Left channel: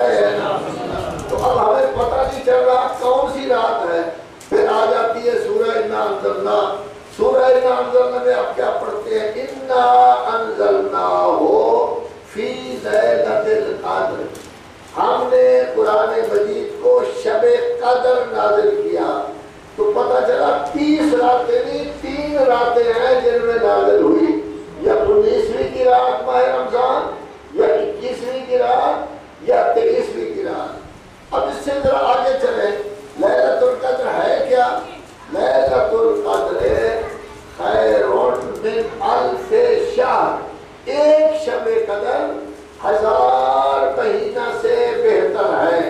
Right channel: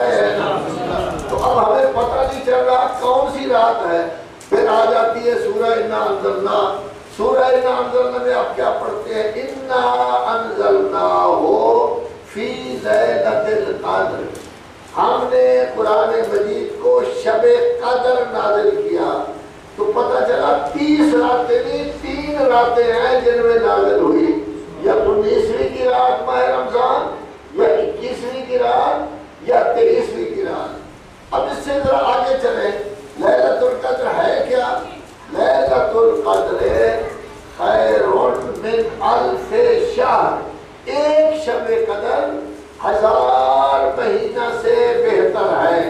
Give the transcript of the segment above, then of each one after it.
تو اب ہمیں پتہ نہیں چل رہا کون سی رات ہے. پھر آ جاتی ہے سورہ انا انزلنا. سورہ انا انزلنا میں آپ کیا پڑھتے ہیں؟ انا انزلناہ فی لیلۃ القدر. ہم نے قرآن مجید کو شب قدر نازل کیا. تو پتہ چلا 30 راتیں نہیں 3 راتیں ہیں جن میں نازل ہوئی. یا 19ویں کی رات ماہ رمضان، یا 21ویں کی رات، یا 23ویں کی رات. اب اس سے ذرا آگے چلیں. لیلۃ القدر ہے کیا؟ لیلۃ القدر خیر من الف شہر. ایک شب قدر 1000 مہینہ سے بہتر ہے.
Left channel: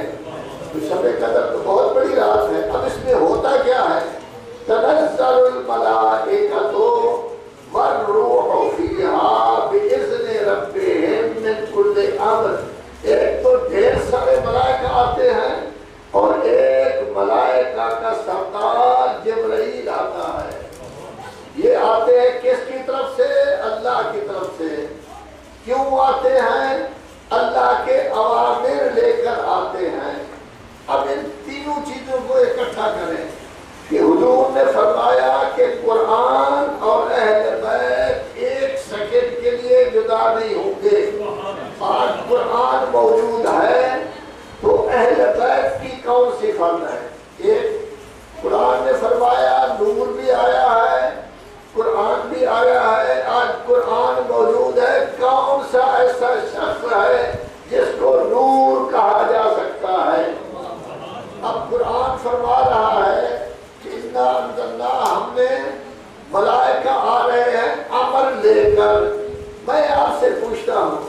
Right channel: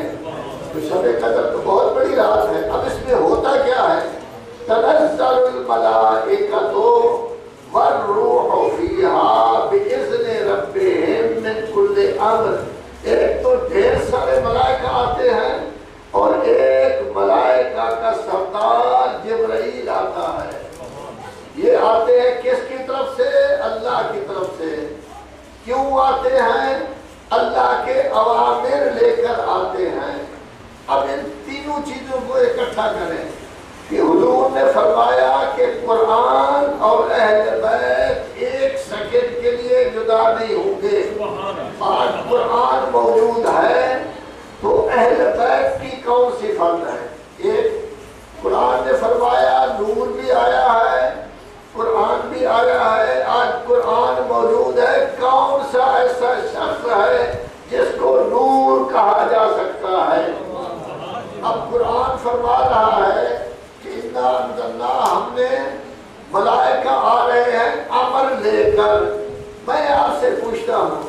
تو شب قدر تو بہت بڑی رات ہے. اب اس میں ہوتا کیا ہے؟ تنزل الملائکۃ والروح فیہا بإذن ربہم من کل امر. ایک تو ڈھیر سارے ملائکہ آتے ہیں اور ایک ملائکہ کا سردار جبرائیل آتا ہے. یہ آتے ہیں کس کی طرف سے؟ اللہ کی طرف سے. کیوں آتے ہیں؟ اللہ کے اوامر لے کر آتے ہیں. اب ان تینوں چیزوں کو اکٹھا کریں کہ حضور نے فرمایا کہ قرآن اور اہل بیت ایک سیکنڈ کے لیے جدا نہیں ہوں گے. آج قرآن موجود ہے تو اہل بیت کی کون سی فرد ہے؟ ایک قرآن نے فرمایا نور بھی آیا ہے، قرآن بھی آیا ہے. آج قرآن موجود ہے. کون سا ایسا شخص ہے جس کو نور کہا جا سکتا ہے؟ اب قرآن فرما رہا ہے کہ انا انزلنا، ہم نے ملائکہ آ رہے ہیں امر لے کر. میں آپ سے پوچھتا ہوں،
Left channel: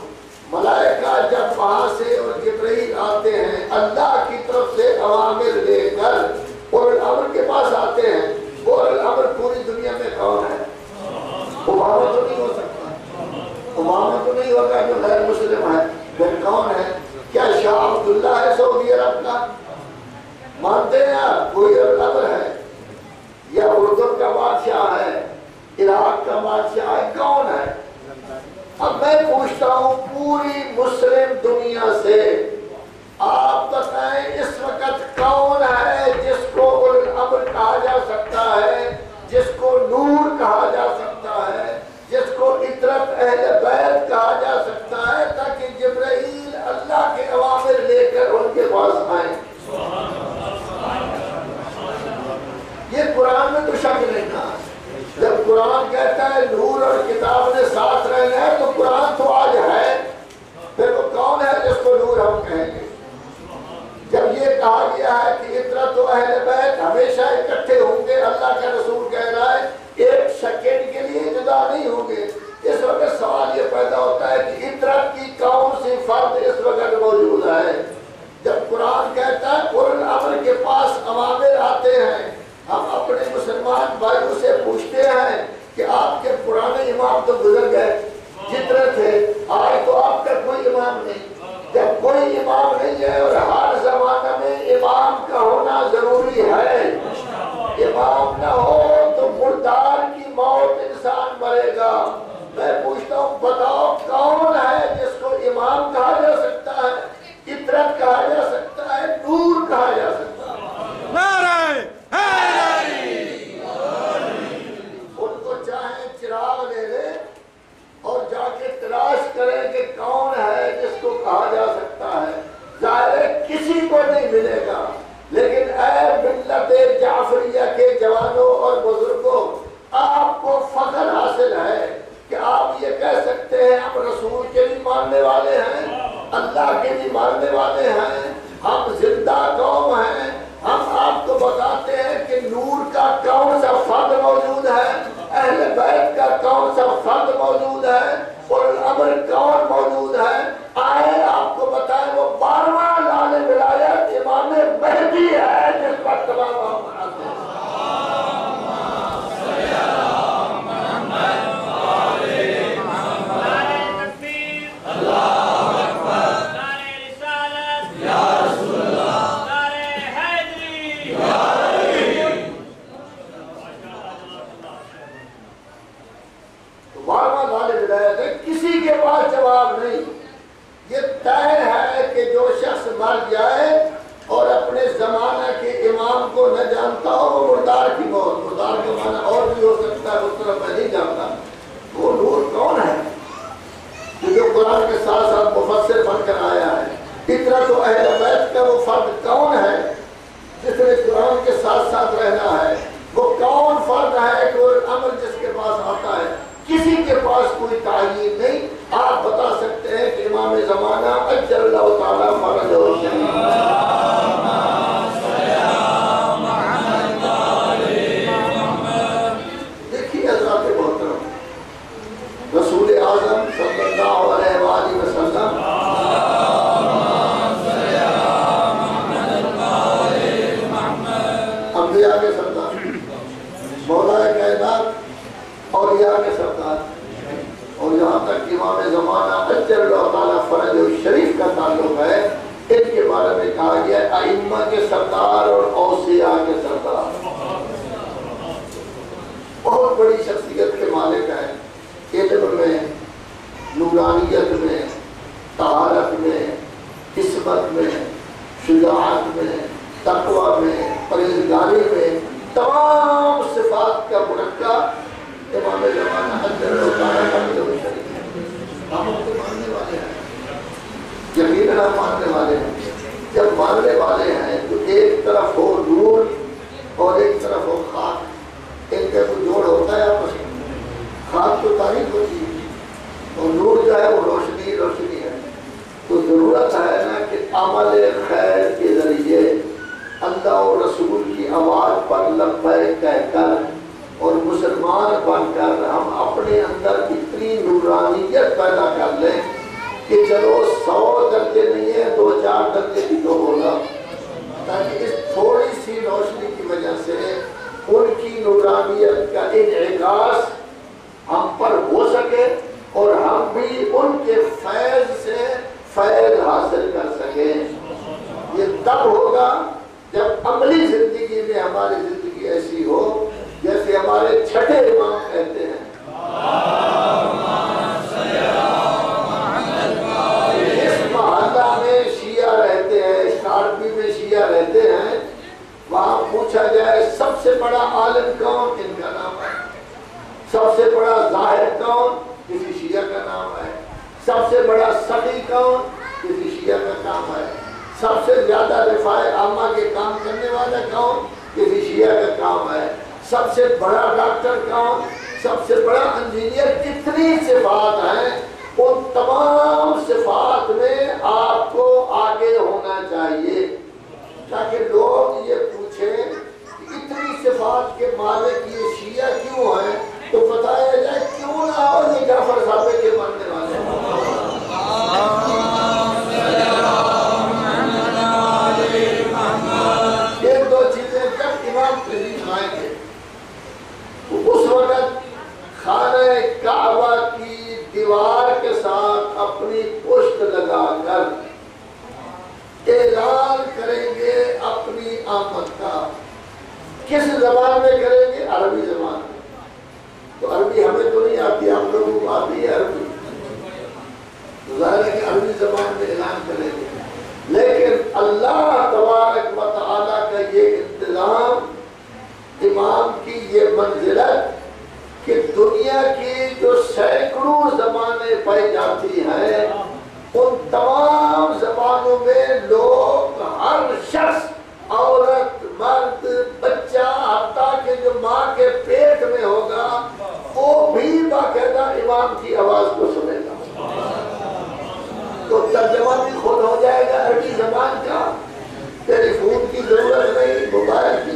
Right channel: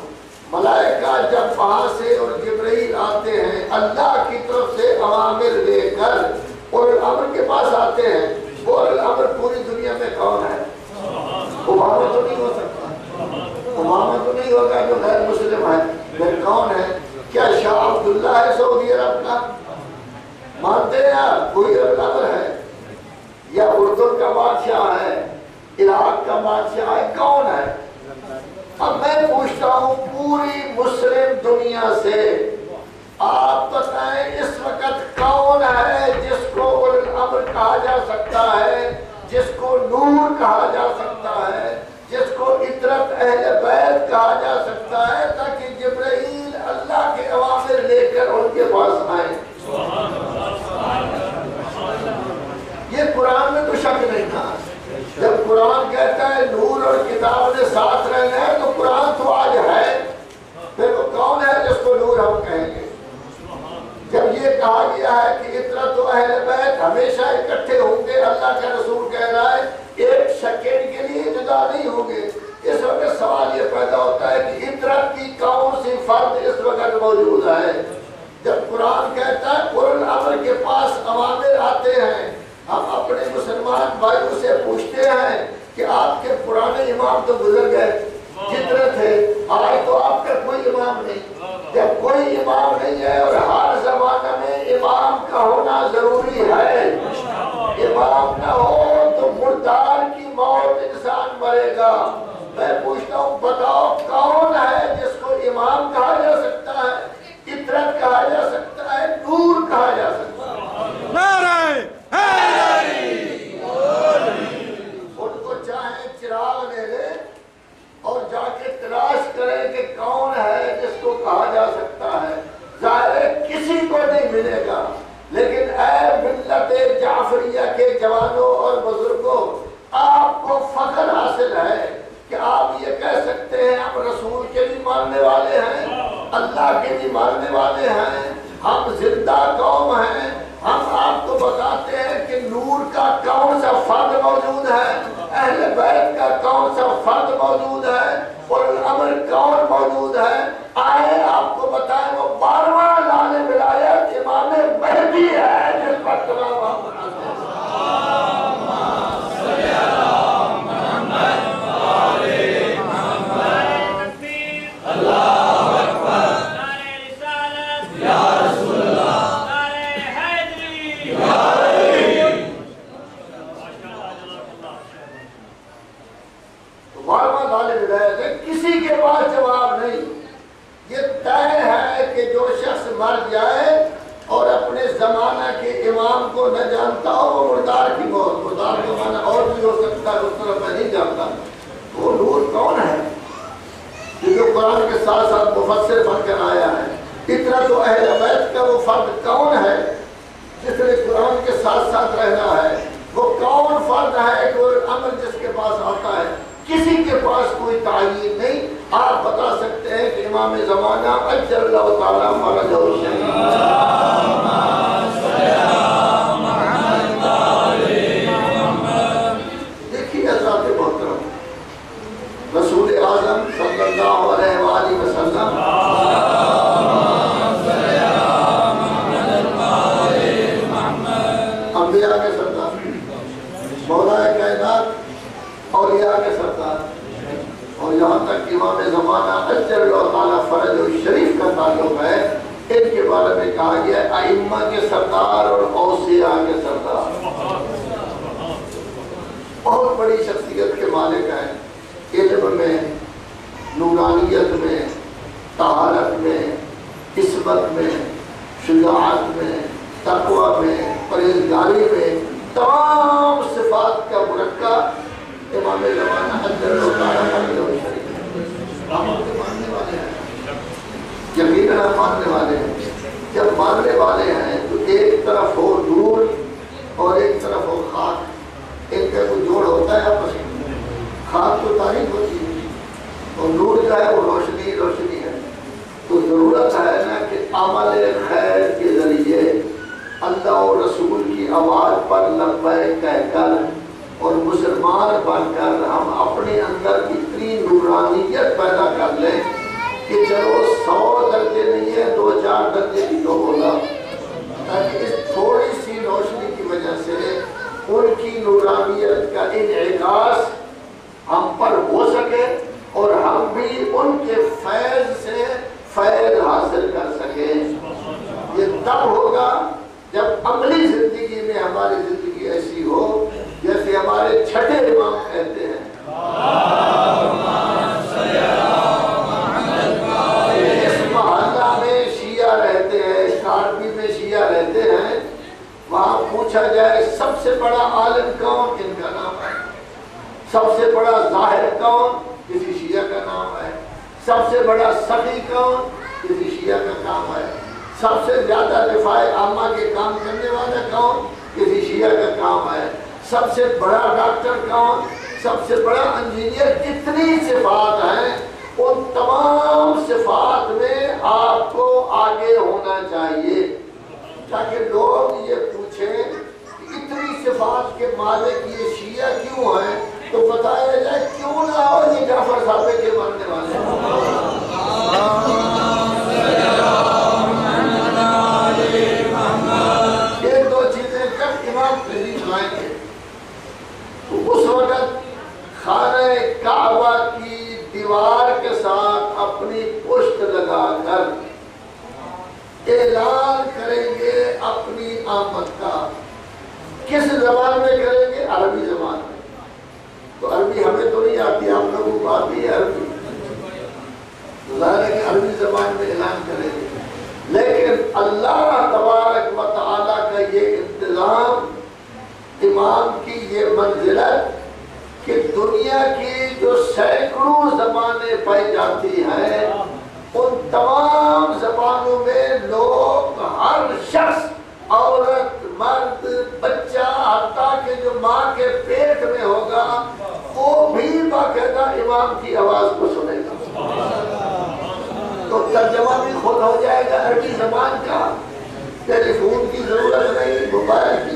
ملائکہ جب وہاں سے اور جبرائیل آتے ہیں اللہ کی طرف سے اوامر لے کر اور الامر کے پاس آتے ہیں، وہ الامر پوری دنیا میں کون ہے؟ امامہ تو نہیں ہو سکتا. امامہ تو نہیں ہوگا جو غیر مسلم ہے. پھر کون ہے؟ کیا شاہ عبداللہ ہے سعودی عرب کا؟ مانتے ہیں آپ کوئی الامر ہے؟ یا اردن کا بادشاہ ہے، عراق کا بادشاہ ہے، کون ہے؟ اب میں پوچھتا ہوں پوری مسلم دنیا سے، آپ بتائیں اس وقت کون ہے جس کو الامر کہا جا سکتا ہے، جس کو نور کہا جا سکتا ہے، جس کو اطرت اہل بیت کہا جا سکتا ہے، تاکہ جبرائیل اللہ کے اوامر لے کر ان کے پاس آئیں. یہ قرآن میں تو شک نہیں تھا. جب قرآن کہتا ہے نور اور کتاب نے ساتھ رہنا ہے تو قرآن تو آج ہے. پھر وہ کون ہے جس کو نور ہم کہیں گے؟ جب یہ کہا گیا ہے کہ اطرت و اہل بیت ہمیشہ اکٹھے ہوں گے، اللہ کا رسول کہہ رہا ہے ایک سیکنڈ کے لیے جدا نہیں ہوں گے. اس وقت سوال یہ پیدا ہوتا ہے کہ اطرت کی کون سی فرد اس وقت موجود ہے؟ جب قرآن کہتا ہے اولو الامر کے پاس اوامر آتے ہیں، ہم اپنے مسلمان بھائیوں سے پوچھتے ہیں کہ آپ کے پرانے امام تو گزر گئے جتنے تھے، آج تو آپ کا کوئی امام نہیں. جب کوئی امام نہیں ہے اور ہر زمانہ میں امام کا ہونا ضروری ہے، امام نہ ہو تو مردار کی موت انسان مرے گا. میں پوچھتا ہوں بتاؤ کون ہے جس کو امام کہا جا سکتا ہے، اطرت کہا جا سکتا ہے، نور کہا جا سکتا ہے؟ نعرہ حیدری. ان کو چاہے چراغ لے لے اور جا کے تلاش کریں کہ کون ہے جس کو کہا جا سکتا ہے. ظاہر ہے کسی کو نہیں ملے گا. لیکن اے ملت جعفریہ کے جوانوں اور بزرگوں، آپ کو فخر حاصل ہے کہ آپ یہ کہہ سکتے ہیں ہم رسول کے بھی ماننے والے ہیں، اللہ کے بھی ماننے والے ہیں، ہم زندہ قوم ہیں. ہم آپ کو بتاتے ہیں کہ نور کا کون سا فرد موجود ہے، اہل بیت کا کون سا فرد موجود ہے، اور الامر کون موجود ہے. آئے آپ کو بتائیں وہ 12واں لال ولایت امام مہدی ہے جس پر تمام ہم مناتے ہیں. کسی کے پاس جواب نہیں. یہ طے مر جائے اور اپنے زمانہ کے امام کو نہ جانتا ہو، وہ مردار کی موت، مردار کا معنی اور بھی ہو سکتا ہے، اس طرح میں نہیں جانتا۔ وہ نور کون ہے جو قرآن کے ساتھ ساتھ مفسر بن کر آیا ہے؟ اتنا تو اہل بیت کا وہ فرد کون ہے جس نے قرآن کے ساتھ ساتھ رہنا ہے؟ وہ کون فرد ہے کہ وہ عمل جس کے پاس آتا ہے؟ کسی کے پاس کوئی تعین نہیں۔ آپ بتا سکتے ہیں کہ امام زمانہ اجل اللہ تعالیٰ فرجہ الشریف، دیکھیے حضرات محترم، رسول اعظم صلی اللہ علیہ وآلہ وسلم انبیاء کے سردار، مولا کائنات، اولیاء کے سردار، اور یہاں تک امام زمانہ اجل اللہ تعالیٰ فرج الشریف کا تعلق ہے، ان کے بارے میں کہا گیا ائمہ کے سردار اور اوصیاء کے سردار، بہت بڑی شخصیت کے مالک ہیں، علم میں، نورانیت میں، طہارت میں، عصمت میں، شجاعت میں، تقوی میں، پرہیزگاری میں، تمام صفات کا مرکب امام زمانہ اجل اللہ تعالیٰ فرج الشریف۔ ہم ان کو ماننے والے ہیں، یقیناً ہم ماننے والے ہیں۔ جب ماننے والے ہیں تو ایک طرف ہو نور اور ایک طرف ہو خاک، ان کا کوئی جوڑ ہوتا ہے آپس میں؟ خاک تو تاریخ ہوتی ہے اور نور جو ہے وہ روشنی روشنی ہے۔ تو ضرورت ہے نا کہ عمل خیر کے ذریعے اللہ اور رسول کی آواز پر لبیک کہہ کر اور مسلمان بن کر ہم اپنے اندر اتنی نورانیت پیدا کر لیں کہ چلو 100 درجے نہیں ہے، 2-4 درجے بھی تو ہوگا، تاکہ اس تھوڑی سی روشنی کی وجہ سے ان کی نورانیت کا انعکاس ہم پر ہو سکے اور ہم بھی ان کے فیض سے فیض حاصل کر سکیں۔ یہ تب ہوگا جب عملی زندگی میں ہماری زندگی ایسی ہو جیسے ہمارے چھٹے امام کہتے ہیں، اس محلہ میں شیعہ رہتے ہیں، اسکارپی میں شیعہ رہتے ہیں، وہاں پوچھا جائے سب سے بڑا عالم کون؟ ان کا نام ہے۔ سب سے بڑا ظاہر کون؟ کسی شیعہ کا نام ہے۔ سب سے بڑا سخی کون؟ کسی شیعہ کا کام ہے۔ سب سے زیادہ دفاع عامہ کے کام کرنے والا کون؟ کسی شیعہ کا کام ہے۔ سب سے بڑا ڈاکٹر کون؟ سب سے بڑا انجینئر؟ جتنی صفات ہیں ان تمام صفات میں آپ کو آگے ہونا چاہیے، تاکہ لوگ یہ پوچھیں کہ اتنی صفات کے مالک یہ شیعہ کیوں ہیں، تو بتایا جائے کیوں نہ ہو یہ جعفر صادق کے ماننے والے ہیں۔ یہ دو چیزیں جب امام قریب آئیں گے تو اس وقت خانہ کعبہ کی دیوار کے ساتھ اپنی پشت لگا کر اعلان کریں گے اپنی آمد کا۔ کس زبان میں کریں گے؟ عربی زبان میں۔ تو عربی ہمیں تو نہیں آتی، ہم لوگوں کو آتی ہے عربی، ظاہر ہے کہ عربی زبان میں اعلان کریں گے، لیکن اللہ تبارک و تعالیٰ کا یہ انتظام، امام کی یہ منزلت کہ دنیا کی جو سینکڑوں زبانیں پائی جاتی ہیں ان تمام زبانوں میں لوگ، ہر شخص، عورت، مرد، بچہ، حتیٰ کہ جو ماں کے پیٹ میں ہوگا وہ بھی باقاعدہ امام کی آواز کو سنے گا۔ تو ترجمہ بھی خود ہو جائے گا عربی زبان کا، ٹیلی فون کی ضرورت نہیں، موبائل کی